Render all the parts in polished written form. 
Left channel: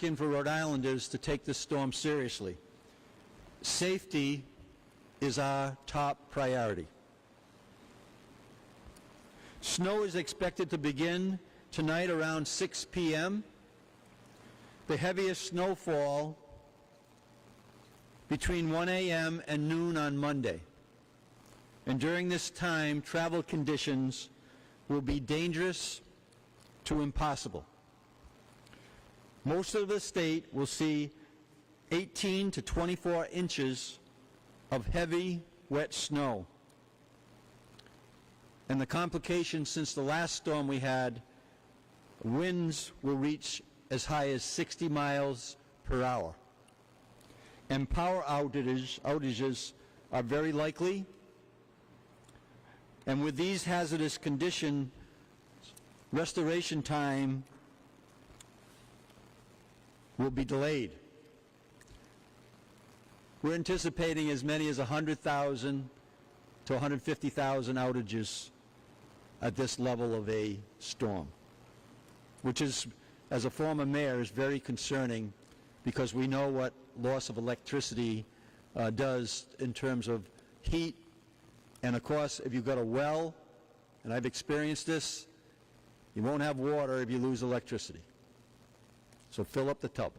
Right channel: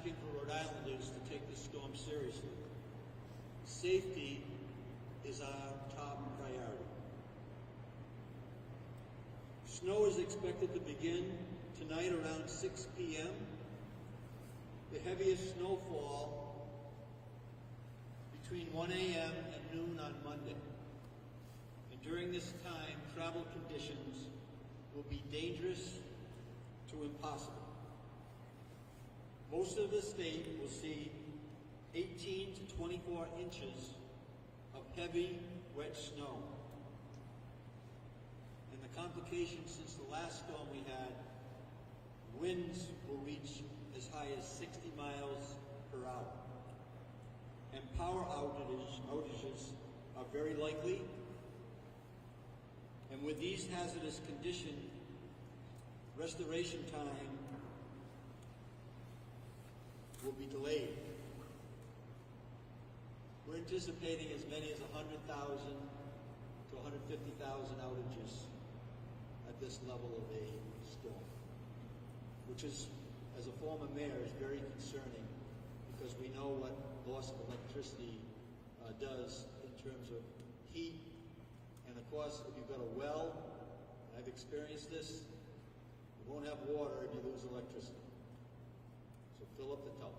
asking for Rhode Islanders to take this storm seriously. Safety is our top priority. Snow is expected to begin tonight around 6 p.m. The heaviest snowfall between 1 a.m. and noon on Monday. And during this time, travel conditions will be dangerous to impossible. Most of the state will see 18 to 24 inches of heavy, wet snow. And the complications since the last storm we had, winds will reach as high as 60 miles per hour. And power outages are very likely. And with these hazardous conditions, restoration time will be delayed. We're anticipating as many as 100,000 to 150,000 outages at this level of a storm, which is, as a former mayor, is very concerning because we know what loss of electricity does in terms of heat. And of course, if you've got a well, and I've experienced this, you won't have water if you lose electricity. So fill up the tub.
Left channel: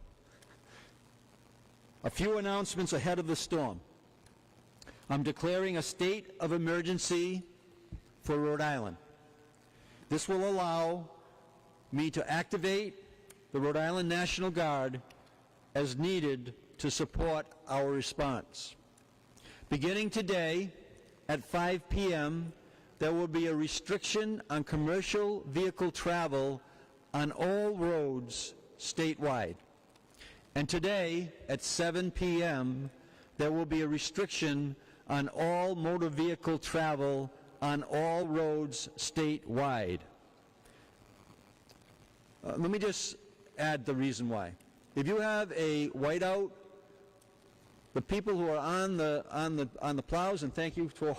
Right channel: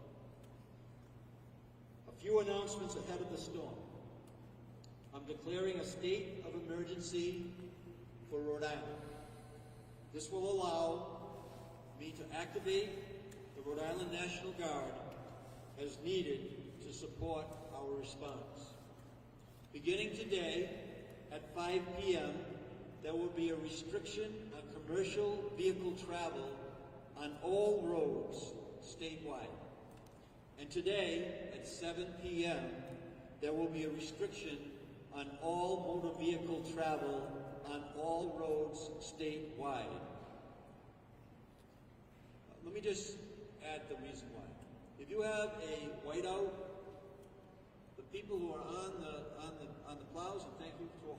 A few announcements ahead of the storm. I'm declaring a state of emergency for Rhode Island. This will allow me to activate the Rhode Island National Guard as needed to support our response. Beginning today at 5 p.m., there will be a restriction on commercial vehicle travel on all roads statewide. And today at 7 p.m., there will be a restriction on all motor vehicle travel on all roads statewide. Let me just add the reason why. If you have a whiteout, the people who are on the plows, and thank you to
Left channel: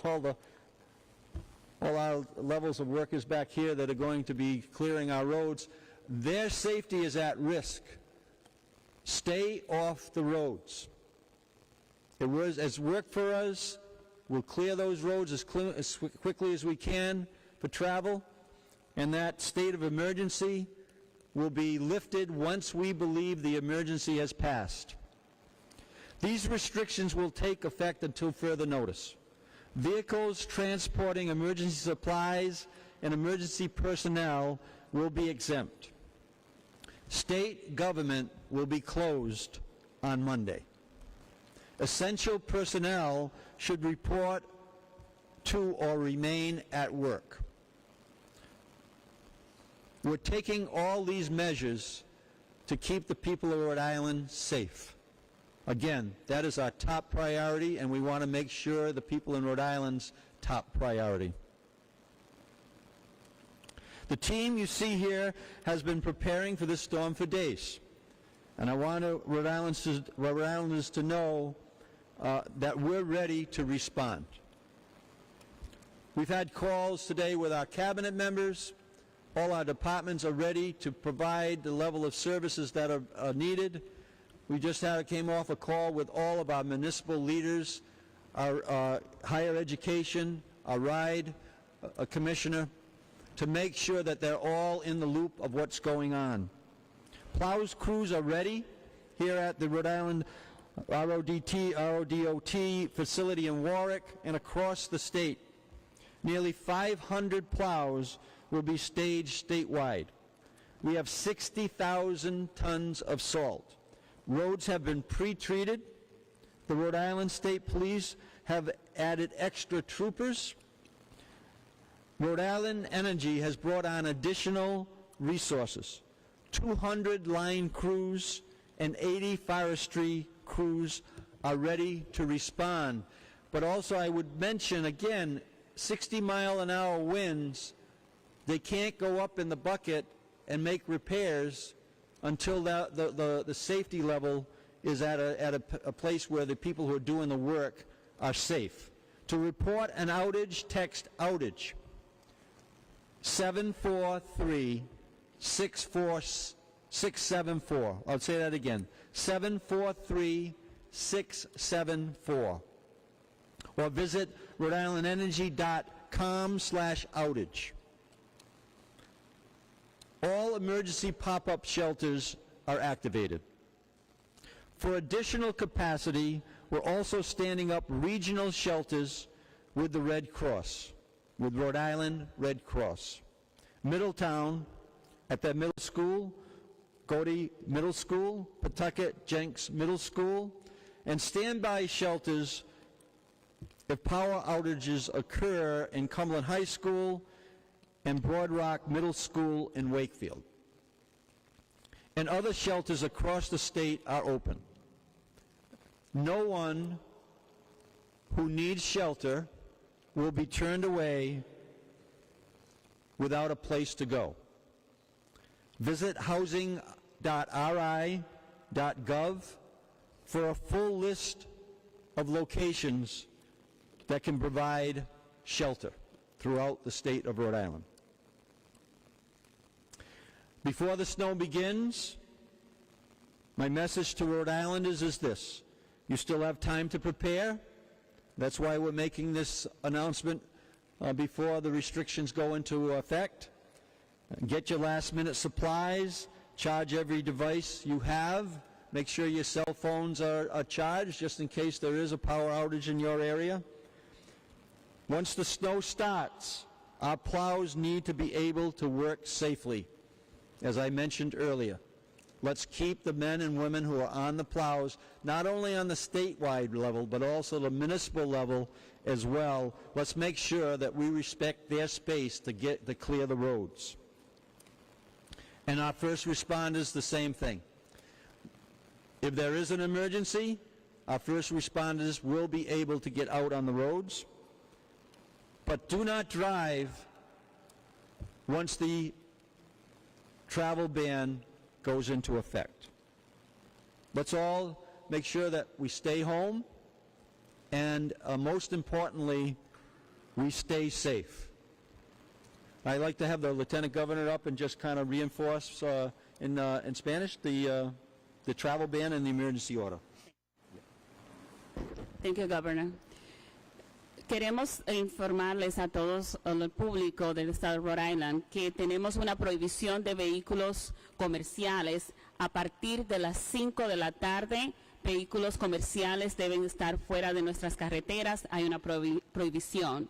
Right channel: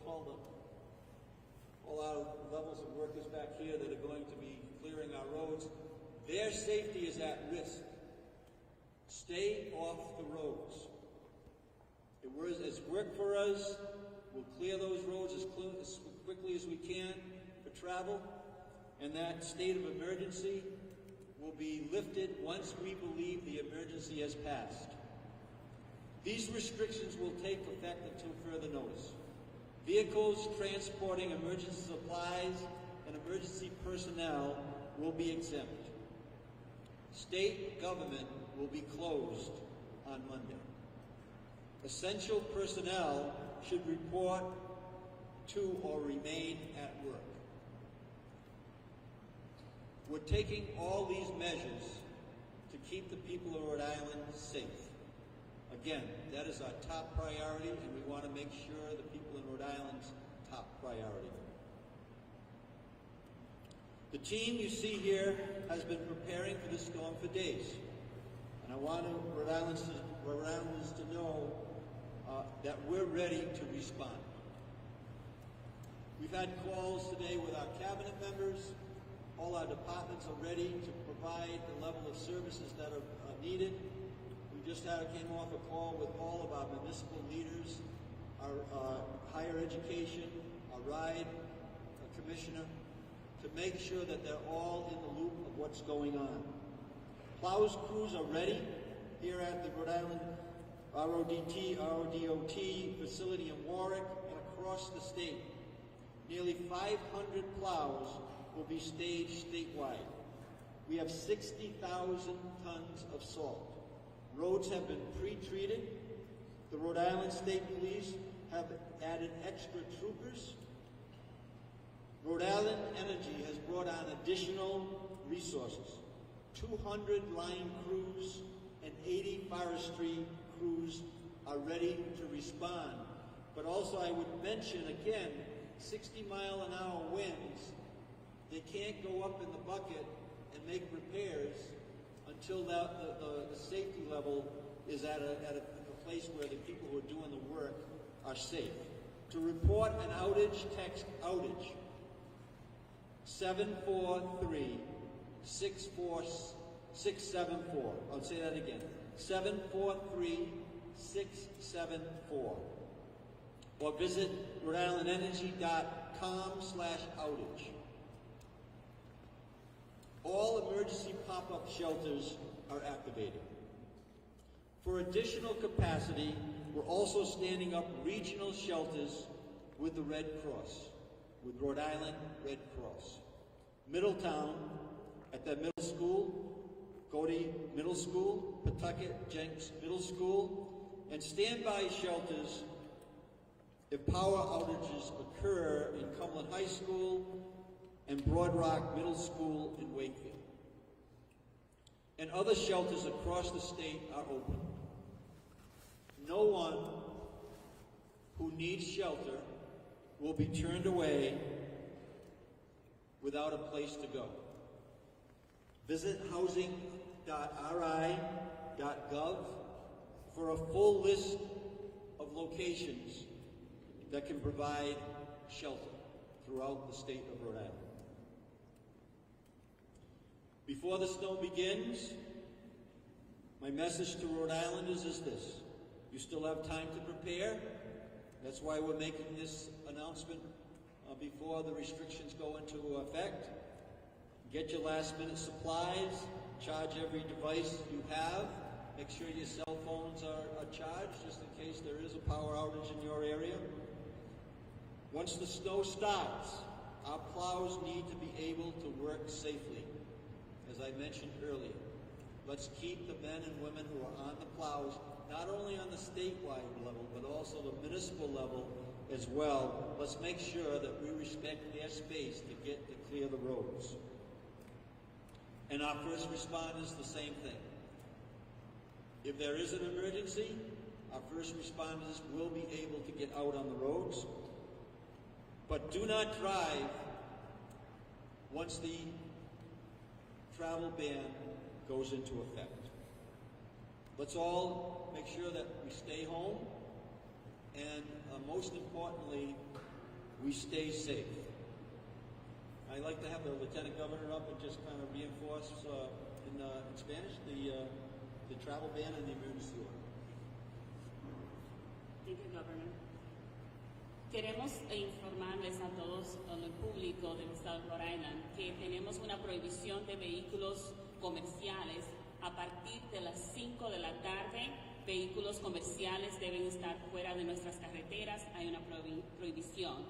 all our levels of workers back here that are going to be clearing our roads, their safety is at risk. Stay off the roads. It's worked for us. We'll clear those roads as quickly as we can for travel, and that state of emergency will be lifted once we believe the emergency has passed. These restrictions will take effect until further notice. Vehicles transporting emergency supplies and emergency personnel will be exempt. State government will be closed on Monday. Essential personnel should report to or remain at work. We're taking all these measures to keep the people of Rhode Island safe. Again, that is our top priority, and we want to make sure the people in Rhode Island's top priority. The team you see here has been preparing for this storm for days, and I want Rhode Islanders to know that we're ready to respond. We've had calls today with our cabinet members. All our departments are ready to provide the level of services that are needed. We just came off a call with all of our municipal leaders, our higher education, our RIDE commissioner, to make sure that they're all in the loop of what's going on. Plows crews are ready here at the Rhode Island RODOT facility in Warwick and across the state. Nearly 500 plows will be staged statewide. We have 60,000 tons of salt. Roads have been pre-treated. The Rhode Island State Police have added extra troopers. Rhode Island Energy has brought on additional resources. 200 line crews and 80 forestry crews are ready to respond. But also I would mention again, 60-mile-an-hour winds, they can't go up in the bucket and make repairs until the safety level is at a place where the people who are doing the work are safe. To report an outage, text outage 743-646 674. I'll say that again. 743-674. Or visit rhodeislandenergy.com/outage. All emergency pop-up shelters are activated. For additional capacity, we're also standing up regional shelters with the Red Cross, with Rhode Island Red Cross. Middletown, at that middle school, Cody Middle School, Pawtucket Jenks Middle School, and standby shelters if power outages occur in Cumberland High School and Broad Rock Middle School in Wakefield. And other shelters across the state are open. No one who needs shelter will be turned away without a place to go. Visit housing.ri.gov for a full list of locations that can provide shelter throughout the state of Rhode Island. Before the snow begins, my message to Rhode Islanders is this: you still have time to prepare. That's why we're making this announcement before the restrictions go into effect. Get your last-minute supplies, charge every device you have, make sure your cell phones are charged just in case there is a power outage in your area. Once the snow starts, our plows need to be able to work safely. As I mentioned earlier, let's keep the men and women who are on the plows, not only on the statewide level, but also the municipal level as well. Let's make sure that we respect their space to clear the roads. And our first responders, the same thing. If there is an emergency, our first responders will be able to get out on the roads. But do not drive once the travel ban goes into effect. Let's all make sure that we stay home, and most importantly, we stay safe. I'd like to have the Lieutenant Governor up and just kind of reinforce in Spanish the travel ban and the emergency order. Thank you, Governor. Queremos informarles a todos el público del estado de Rhode Island que tenemos una prohibición de vehículos comerciales a partir de las 5 de la tarde. Vehículos comerciales deben estar fuera de nuestras carreteras. Hay una prohibición.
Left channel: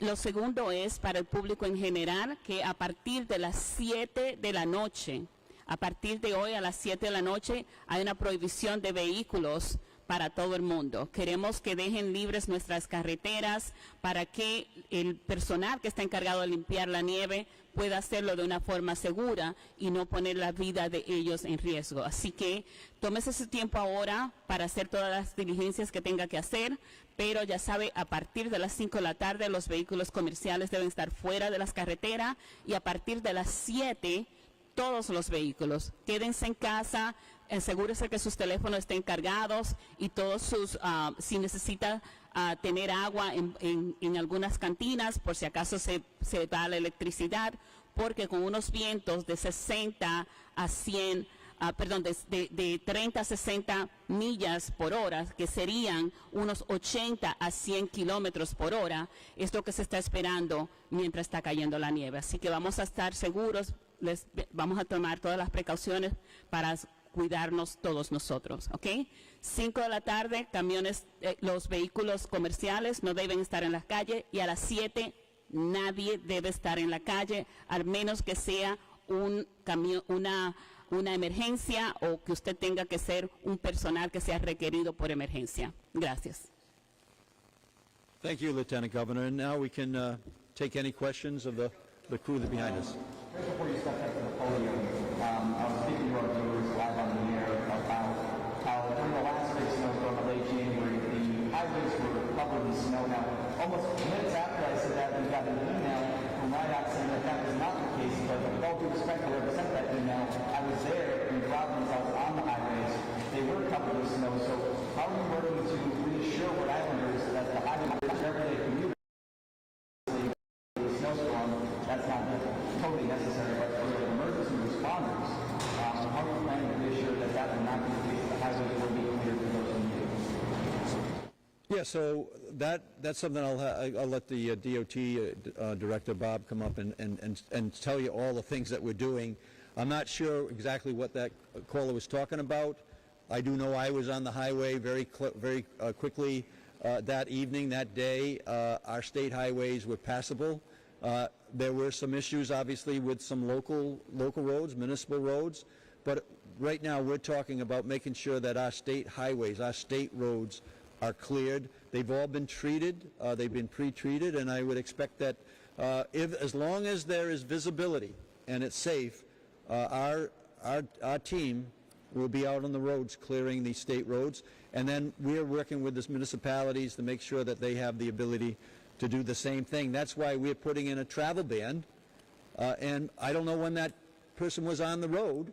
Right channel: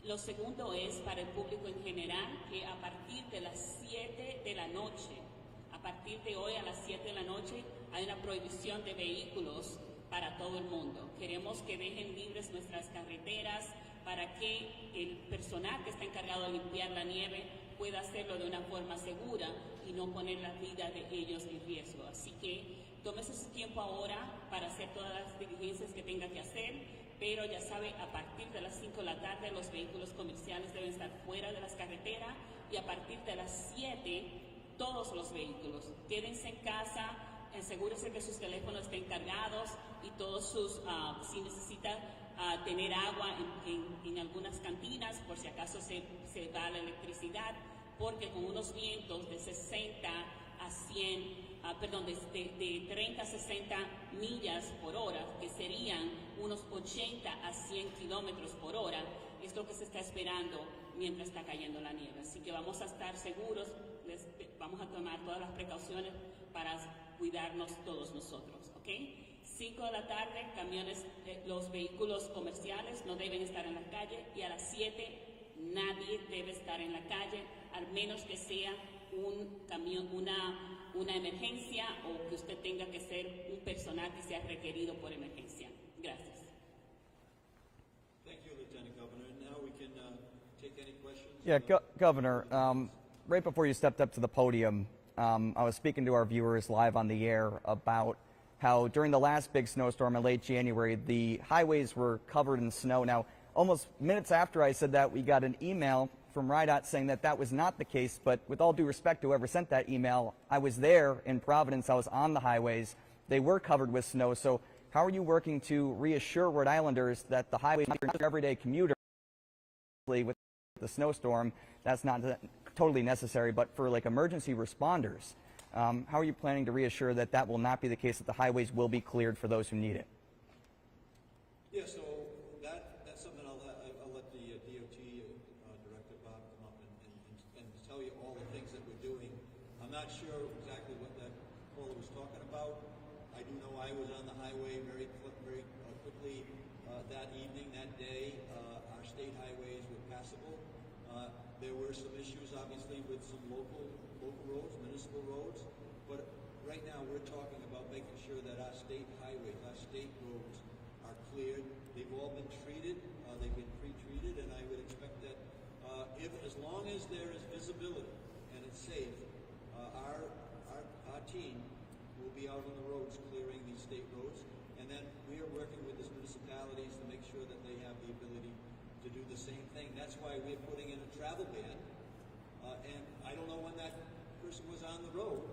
Lo segundo es para el público en general que a partir de las 7 de la noche, a partir de hoy a las 7 de la noche, hay una prohibición de vehículos para todo el mundo. Queremos que dejen libres nuestras carreteras para que el personal que está encargado de limpiar la nieve pueda hacerlo de una forma segura y no poner la vida de ellos en riesgo. Así que tómese su tiempo ahora para hacer todas las diligencias que tenga que hacer, pero ya sabe, a partir de las 5 de la tarde los vehículos comerciales deben estar fuera de las carreteras y a partir de las 7 todos los vehículos. Quédense en casa, asegúrese que sus teléfonos estén cargados y todos sus, si necesita tener agua en algunas cantinas, por si acaso se da la electricidad, porque con unos vientos de 60 a 100, de 30 a 60 millas por hora, que serían unos 80 a 100 kilómetros por hora, es lo que se está esperando mientras está cayendo la nieve. Así que vamos a estar seguros, vamos a tomar todas las precauciones para cuidarnos todos nosotros, ¿ok? 5 de la tarde, camiones, los vehículos comerciales no deben estar en la calle, y a las 7 nadie debe estar en la calle, al menos que sea un camión, una emergencia, o que usted tenga que ser un personal que sea requerido por emergencia. Gracias. Thank you, Lieutenant Governor. And now we can take any questions. Yeah, Governor, right before you stepped up to the podium, I was speaking to our viewers live on the air about how during the last big snowstorm in late January, the highways were covered in snow. Now, almost minutes after I said that, we got an email from RIDOT saying that that was not the case, but with all due respect to whoever sent that email, I was there in Providence, I was on the highways. They were covered with snow, so how are you working to reassure Rhode Islanders that the highway everyday commuter, the snowstorm, that's not totally necessary, but for like emergency responders, how are you planning to reassure that that will not be the case, that the highways will be cleared for those who need it? Yeah, so that's something I'll let the DOT Director Bob come up and tell you all the things that we're doing. I'm not sure exactly what that caller was talking about. I do know I was on the highway very quickly that evening, that day. Our state highways were passable. There were some issues, obviously, with some local roads, municipal roads, but right now we're talking about making sure that our state highways, our state roads are cleared. They've all been treated. They've been pre-treated, and I would expect that as long as there is visibility and it's safe, our team will be out on the roads clearing the state roads, and then we're working with the municipalities to make sure that they have the ability to do the same thing. That's why we're putting in a travel ban, and I don't know when that person was on the road,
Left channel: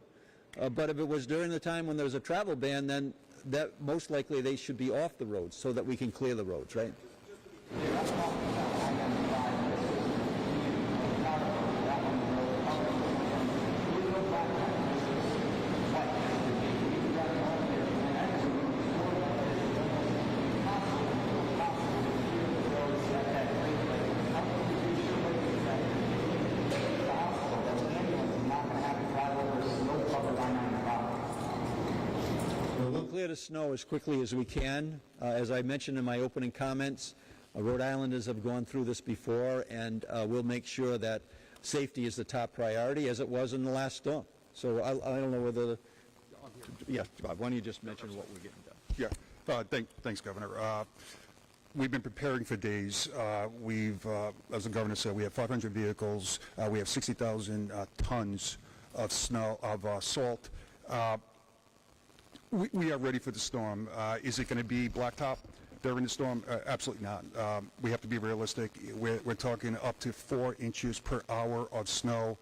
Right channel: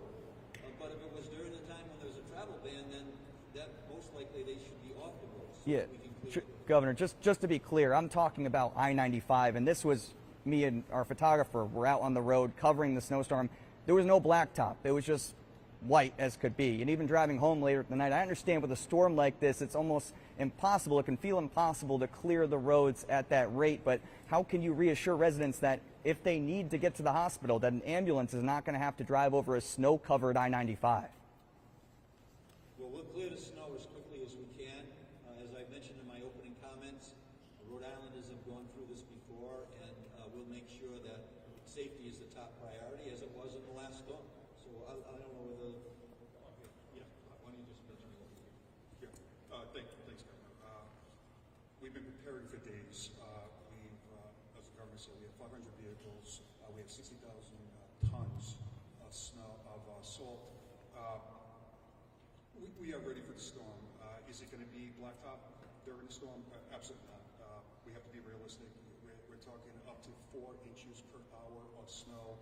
but if it was during the time when there was a travel ban, then that most likely they should be off the roads so that we can clear the roads. Governor, right? just to be clear, I'm talking about I-95, and this was me and our photographer were out on the road covering the snowstorm. There was no blacktop. It was just white as could be. And even driving home later tonight, I understand with a storm like this, it's almost impossible. It can feel impossible to clear the roads at that rate, but how can you reassure residents that if they need to get to the hospital, that an ambulance is not going to have to drive over a snow-covered I-95? We'll clear the snow as quickly as we can. As I mentioned in my opening comments, Rhode Islanders have gone through this before, and we'll make sure that safety is the top priority, as it was in the last storm. So I don't know whether yeah, Bob, why don't you just mention what we're getting done? Yeah, thanks, Governor. We've been preparing for days. As the governor said, we have 500 vehicles. We have 60,000 tons of snow, salt. We are ready for the storm. Is it going to be blacktop during the storm? Absolutely not. We have to be realistic. We're talking up to 4 inches per hour of snow.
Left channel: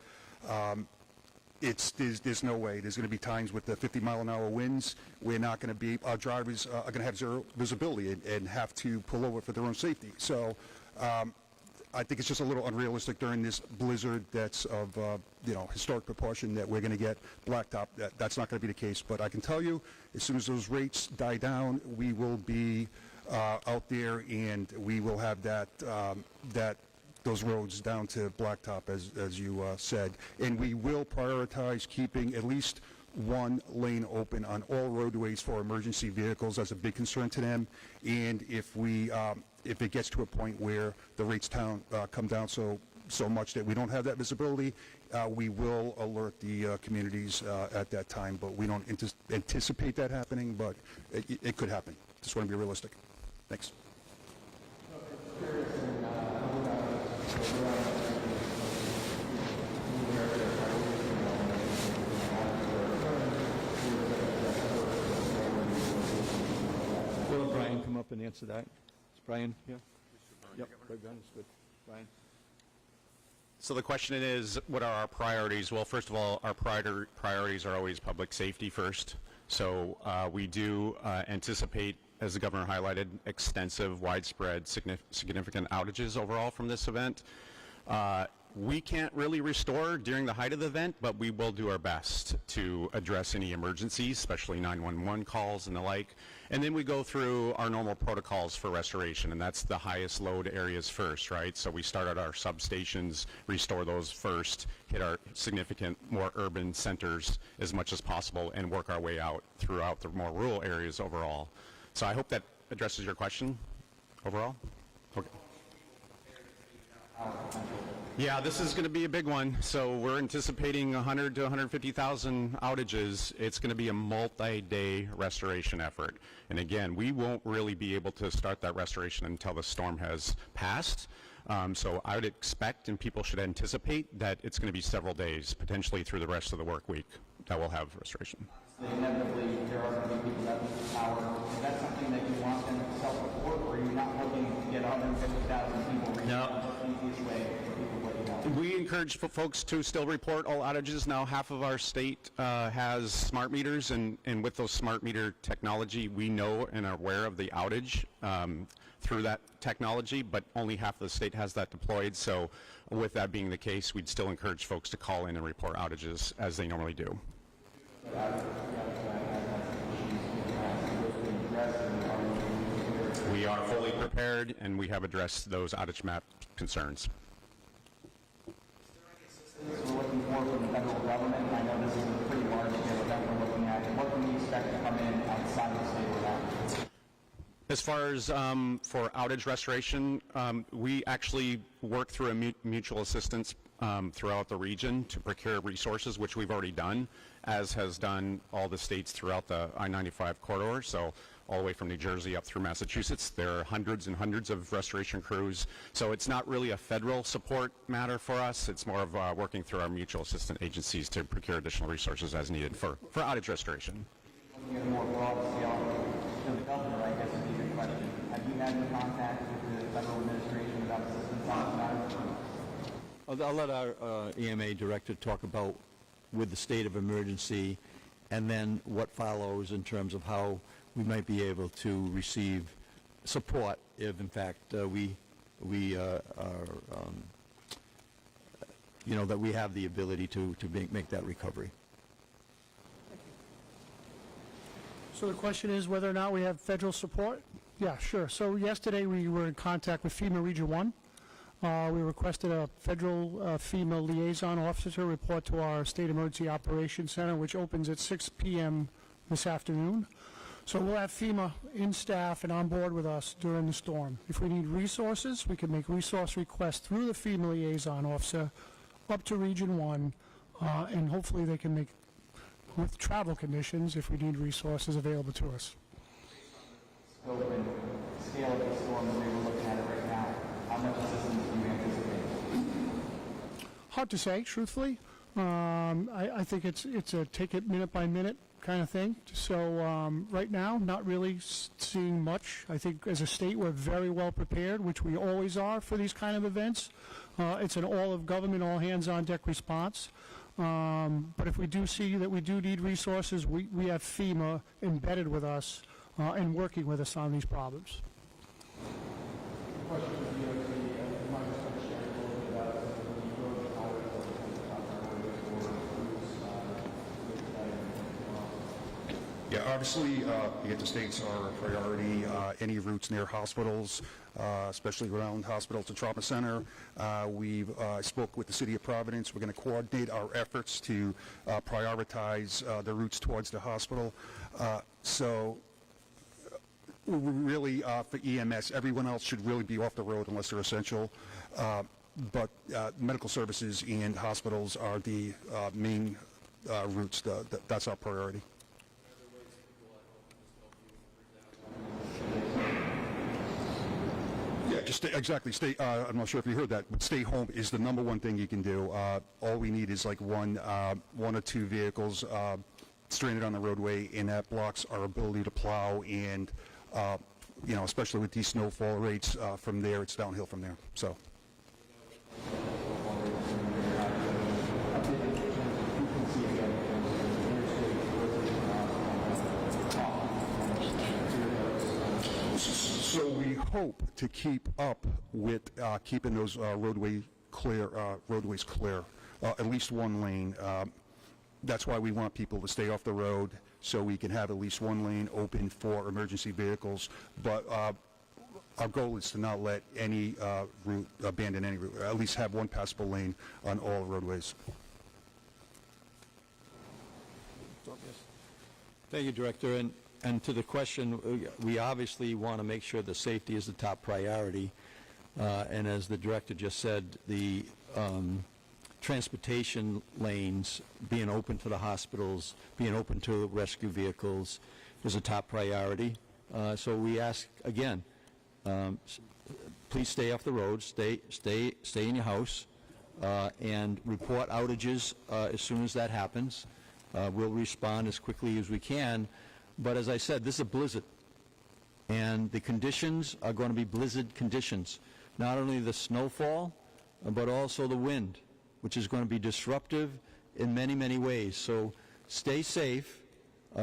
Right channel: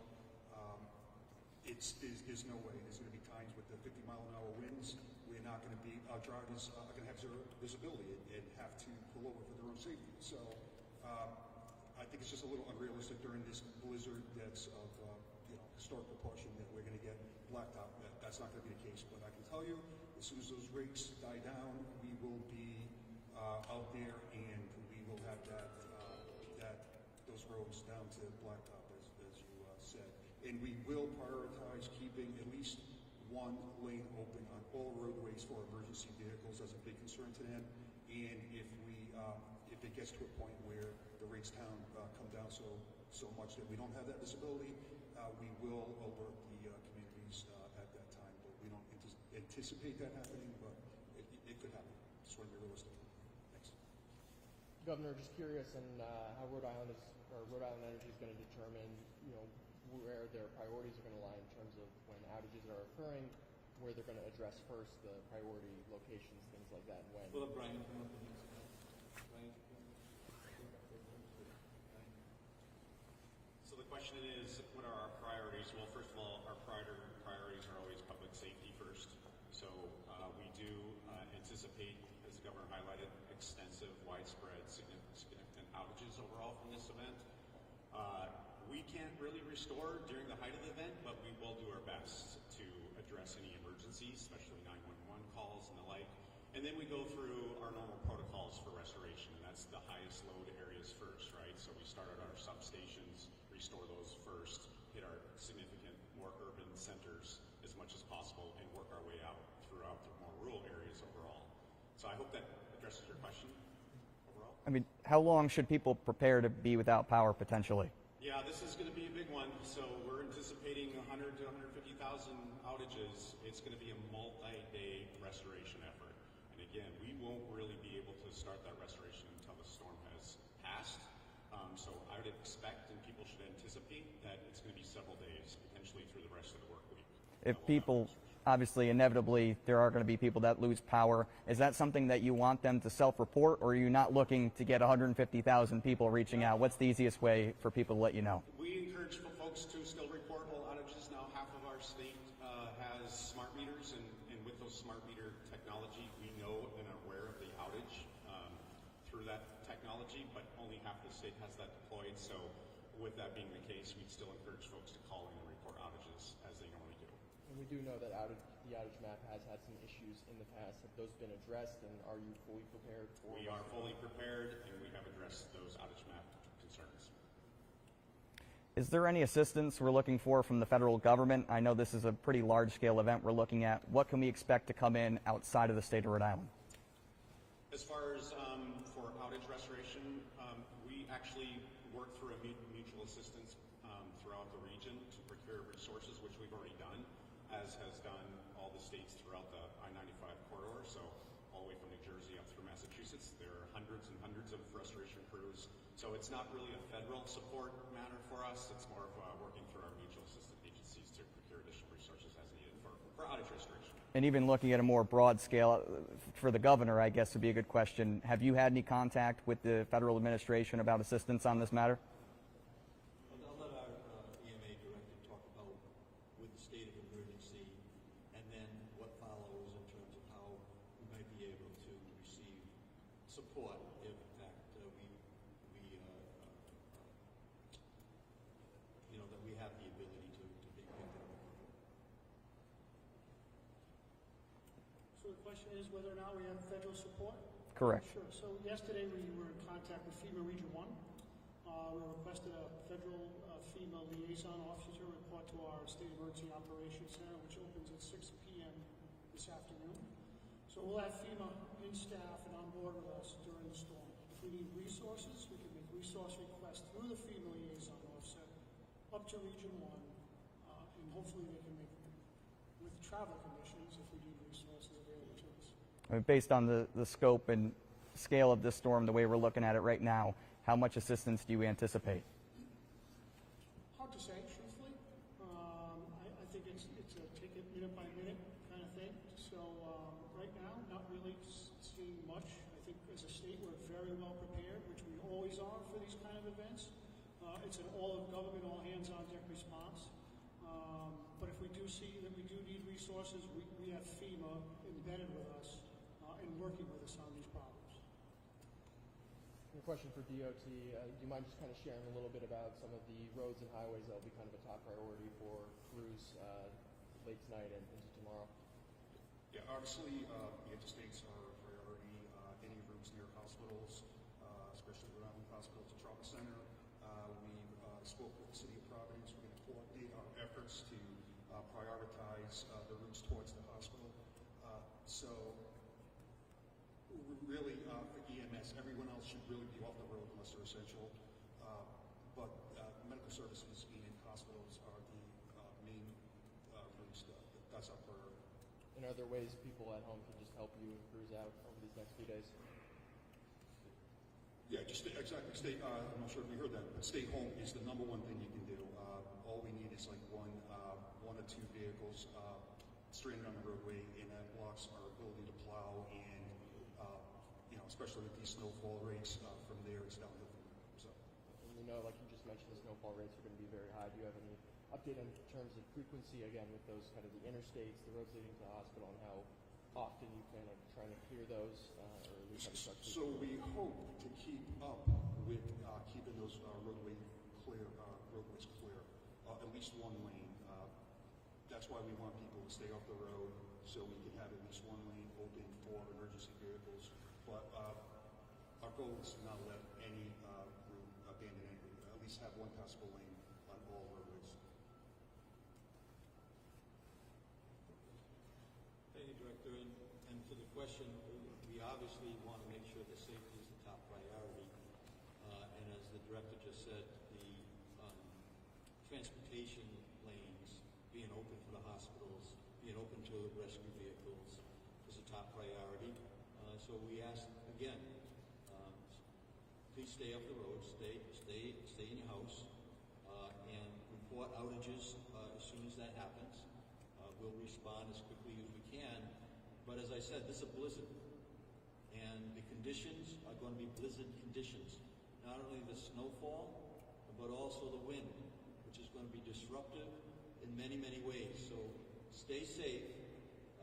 There's no way. There's going to be times with the 50-mile-an-hour winds. We're not going to be, our drivers are going to have zero visibility and have to pull over for their own safety. So I think it's just a little unrealistic during this blizzard that's of historic proportion that we're going to get blacktop. That's not going to be the case. But I can tell you, as soon as those rates die down, we will be out there, and we will have those roads down to blacktop, as you said. And we will prioritize keeping at least one lane open on all roadways for emergency vehicles. That's a big concern to them. And if it gets to a point where the rates come down so much that we don't have that visibility, we will alert the communities at that time. But we don't anticipate that happening, but it could happen. Just want to be realistic. Thanks. Will Brian come up and answer that? Brian, yeah? Yep, right behind us, good. Brian? So the question is, what are our priorities? Well, first of all, our priorities are always public safety first. So we do anticipate, as the governor highlighted, extensive, widespread, significant outages overall from this event. We can't really restore during the height of the event, but we will do our best to address any emergencies, especially 911 calls and the like. And then we go through our normal protocols for restoration, and that's the highest load areas first, right? So we start at our substations, restore those first, hit our significant, more urban centers as much as possible, and work our way out throughout the more rural areas overall. So I hope that addresses your question overall. I mean, how long should people prepare to be without power potentially? Yeah, this is going to be a big one. So we're anticipating 100 to 150,000 outages. It's going to be a multi-day restoration effort. And again, we won't really be able to start that restoration until the storm has passed. So I would expect, and people should anticipate, that it's going to be several days, potentially through the rest of the work week, that we'll have restoration. Obviously, inevitably, there are going to be people that lose power. Is that something that you want them to self-report, or are you not looking to get 150,000 people reaching out? What's the easiest way for people to let you know? We encourage folks to still report all outages. Now, half of our state has smart meters, and with those smart meter technology, we know and are aware of the outage through that technology, but only half of the state has that deployed. So With that being the case, we'd still encourage folks to call in and report outages as they normally do. We are fully prepared, and we have addressed those outage map concerns. Is there any assistance we're looking for from the federal government? I know this is a pretty large-scale event we're looking at. What can we expect to come in outside of the state of Rhode Island? As far as for outage restoration, we actually work through a mutual assistance throughout the region to procure resources, which we've already done, as has done all the states throughout the I-95 corridor. So all the way from New Jersey up through Massachusetts, there are hundreds and hundreds of restoration crews. So it's not really a federal support matter for us. It's more of working through our mutual assistance agencies to procure additional resources as needed for outage restoration. And even looking at a more broad scale, for the governor, I guess would be a good question. Have you had any contact with the federal administration about assistance on this matter? I'll let our EMA director talk about with the state of emergency and then what follows in terms of how we might be able to receive support if, in fact, we that we have the ability to make that recovery. So the question is whether or not we have federal support? Correct. Yeah, sure. So yesterday we were in contact with FEMA Region 1. We requested a federal FEMA liaison officer to report to our State Emergency Operations Center, which opens at 6 p.m. this afternoon. So we'll have FEMA in staff and on board with us during the storm. If we need resources, we can make resource requests through the FEMA liaison officer up to Region 1, and hopefully they can make, with travel conditions, if we need resources available to us. Based on the scope and scale of the storm, the way we're looking at it right now, how much assistance do you anticipate? Hard to say, truthfully. I think it's a take it minute by minute kind of thing. So right now, not really seeing much. I think as a state, we're very well prepared, which we always are for these kind of events. It's an all of government, all hands on deck response. But if we do see that we do need resources, we have FEMA embedded with us and working with us on these problems. Yeah, obviously, the interstates are a priority. Any routes near hospitals, especially Rhode Island Hospital to Trauma Center. We've spoke with the City of Providence. We're going to coordinate our efforts to prioritize the routes towards the hospital. So really, for EMS, everyone else should really be off the road unless they're essential. But medical services and hospitals are the main routes. That's our priority. Yeah, just stay, I'm not sure if you heard that, but stay home is the #1 thing you can do. All we need is like one or two vehicles stranded on the roadway, and that blocks our ability to plow, and, especially with these snowfall rates, from there, it's downhill from there, so. So we hope to keep up with keeping those roadways clear, at least one lane. That's why we want people to stay off the road, so we can have at least one lane open for emergency vehicles. But our goal is to not let any route, abandon any route, at least have one passable lane on all roadways. Thank you, Director. And to the question, we obviously want to make sure that safety is the top priority. And as the Director just said, the transportation lanes being open to the hospitals, being open to rescue vehicles is a top priority. So we ask, again, please stay off the road, stay in your house, and report outages as soon as that happens. We'll respond as quickly as we can. But as I said, this is a blizzard, and the conditions are going to be blizzard conditions. Not only the snowfall, but also the wind, which is going to be disruptive in many, many ways. So stay safe,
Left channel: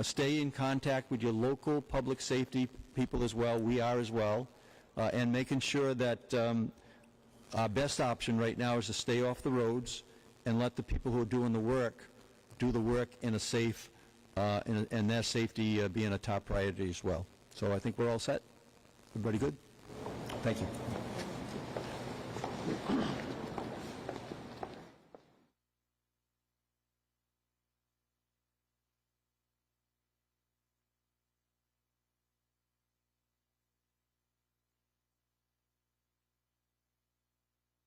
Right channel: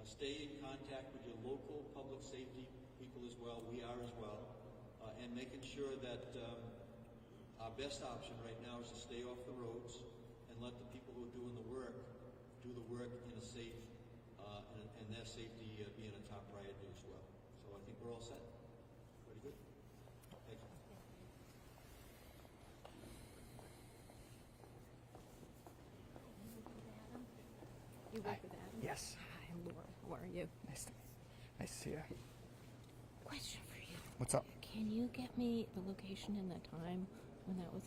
stay in contact with your local public safety people as well, we are as well, and making sure that Our best option right now is to stay off the roads and let the people who are doing the work do the work in a safe, and their safety being a top priority as well. So I think we're all set. Everybody good? Thank you. You work with Adam? Yes. Hi, I'm Laura. How are you? Nice to see you. Question for you. What's up? Can you get me the location and the time when that was